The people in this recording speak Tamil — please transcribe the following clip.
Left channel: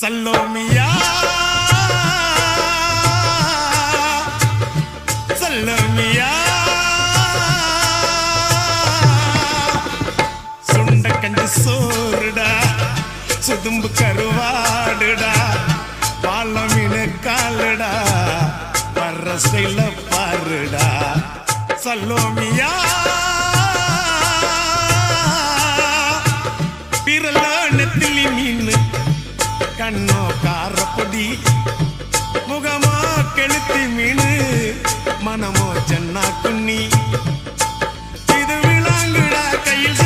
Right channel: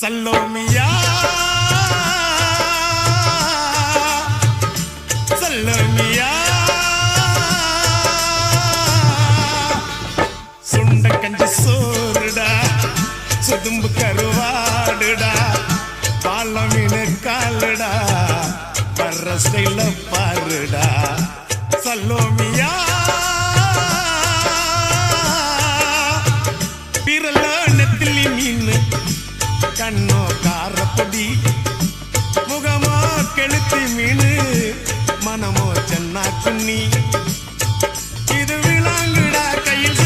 சல்லோமியா சல்லோமியா சுண்ட கஞ்சி சோறுடா சுதும்பு கருவாடுடா பாலமீனு காலுடா வர்ற ஸ்டைல பாருடா சல்லோமியா பிறல நெத்திலி மீன் கண்ணோ காரப்பொடி முகமோ கெளுத்தி மீன் மனமோ சென்னா குன்னி இது விளாங்குடா கையில்